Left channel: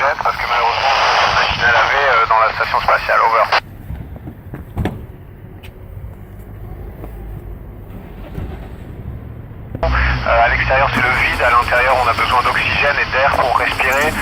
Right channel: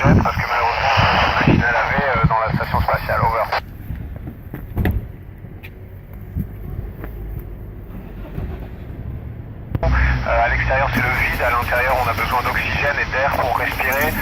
jette parce que malheureusement on a une machine à laver dans la station spatiale. Over. À l'extérieur c'est le vide, à l'intérieur on a besoin d'oxygène et d'air pour respirer.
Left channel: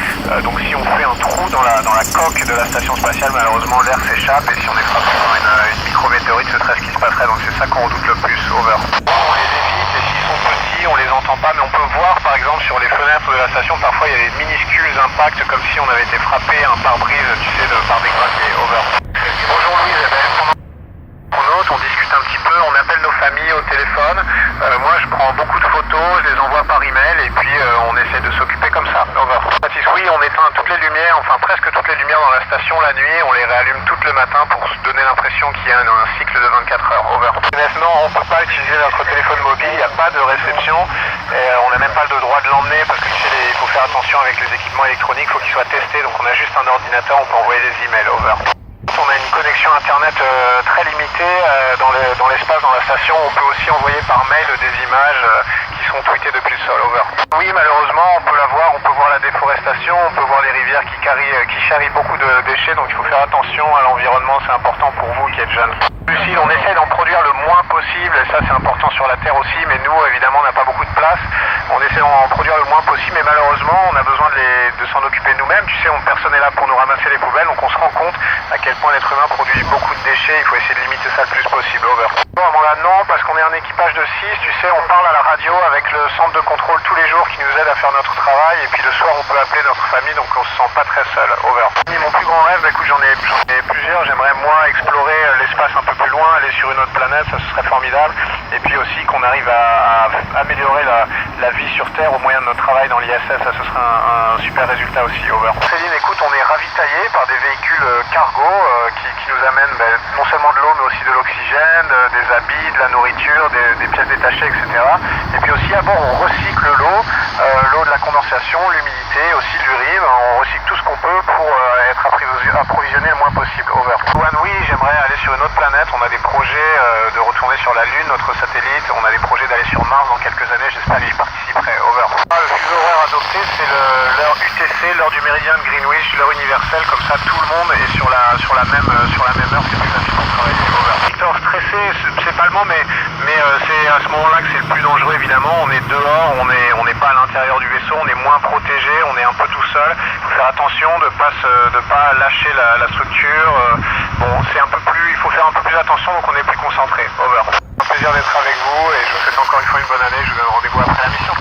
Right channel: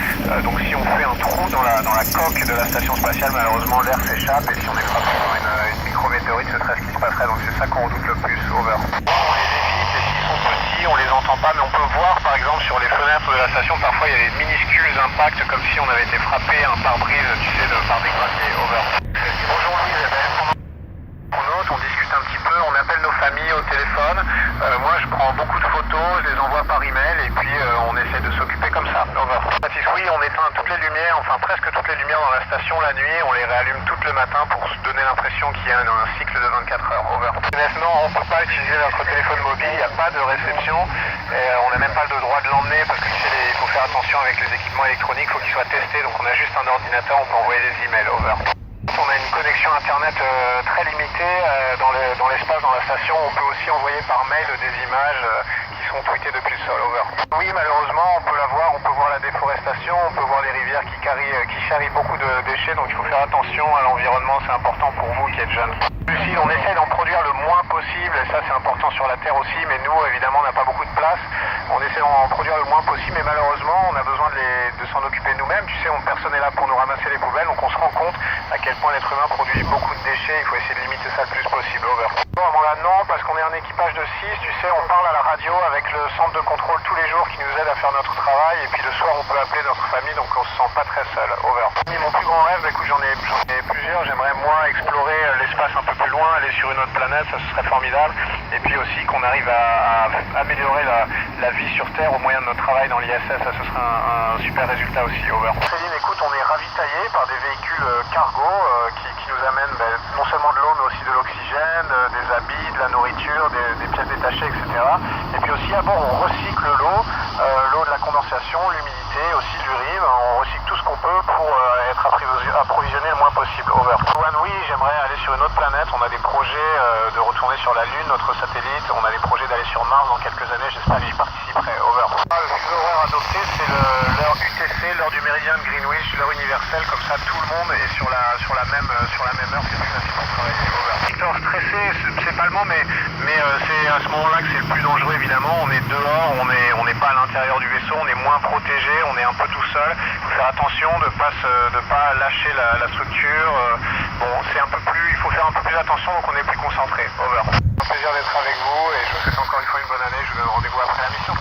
Donc si on fait un trou dans la coque de la station spatiale, malheureusement l'air s'échappe et si on est frappé par une micrométéorite, ce serait ce qui se passerait. Donc c'est ça qu'on redoute le plus. Over. On les évite et s'ils sont petits on les entend pas, mais on peut voir par exemple sur les fenêtres de la station, parfois il y a des minuscules impacts comme si on avait été frappé un pare-brise, tu sais, par des graviers. Over. Bonjour Louise, on discute un petit peu, on appelle nos familles au téléphone. Moi je prends beaucoup de photos, je les envoie par email et puis on essaie de s'occuper comme ça. Over. Baptiste, oui, on éteint toutes les lumières, enfin presque toutes les lumières dans la station la nuit, on les réallume toutes le matin pour se donner l'impression qu'il y a un cycle de 24 heures. Over. Maintenant on ne peut pas utiliser notre téléphone mobile, il n'y a pas de réception et on n'a même pas le droit de l'emmener parce que tu sais, il faut faire attention avec les équipements électroniques, il faut qu'ils soient testés, donc on a juste un ordinateur, on peut envoyer des emails. Over. On a une connexion internet très limitée dans l'espace, dans la station. On peut aussi envoyer par mail des images qui sont tweetées depuis le sol. Over. Oui, malheureusement, on peut la voir, on peut voir la déforestation, on peut voir les rivières qui charrient beaucoup de déchets, donc il faut faire attention à l'environnement, c'est important pour vous qui êtes jeunes. Lucille, on essaie d'en produire le moins possible, et ça c'est important sur la Terre aussi, mais nous, évidemment, on n'a pas beaucoup de place. On essaie d'en produire le moins possible, mais malheureusement, on a besoin de s'en occuper nous-mêmes. Tu sais, personne n'est là pour nous ramasser les poubelles, donc on se rend compte à quel point l'être humain produit beaucoup de déchets. Il faut essayer de limiter ça le plus possible. Over. Bon, Amanda, non, parce qu'on est un équipage de 6, tu sais, on parle à la radio avec le centre de contrôle tous les jours qui nous aide à faire notre travail, et puis le soir, on peut appeler notre famille, donc on se sent pas très seul. Over. Mon plus grand rêve, écoute, j'en ai plusieurs. J'aimerais, moi, explorer l'espace un peu plus loin, aller sur une autre planète, ça ce serait formidable. Et puis aussi qu'on arrive à améliorer la vie sur Terre au moyen de notre travail dans l'ISS, ça ce serait un super résultat aussi. Over. Céline, écoute, on est ravitaillé par des véhicules cargo qui nous amènent non seulement de l'eau mais aussi de l'oxygène, des habits, de la nourriture, des pièces détachées, etc. Et puis aussi à bord on recycle l'eau de la condensation, l'humidité, aussi l'urine, on recycle tout ce qu'on peut pour être approvisionné le moins possible. Over. Juan, oui, j'aimerais aller sur une autre planète, on a des projets de retourner sur la Lune, notre satellite, on a des projets d'aller sur Mars dans quelques années, j'espère y participerai. Over. Le fuseau horaire adopté, c'est l'heure UTC, l'heure du méridien de Greenwich, l'heure universelle, comme ça tout le monde est sur la même heure, c'est plus facile pour travailler. Over. Victor, stressé, c'est pas le mot, mais c'est à ce moment-là que c'est le plus dangereux évidemment, on est dehors, on n'est pas à l'intérieur du vaisseau, on est moins protégé, on est un peu tout seul, il faut faire attention de pas lâcher la structure, il faut faire un peu plus attention, donc on est plus concentré. Over. C'est un plaisir d'être avec vous et je vous souhaite encore une fois une bonne année, je vous donne rendez-vous après la mission.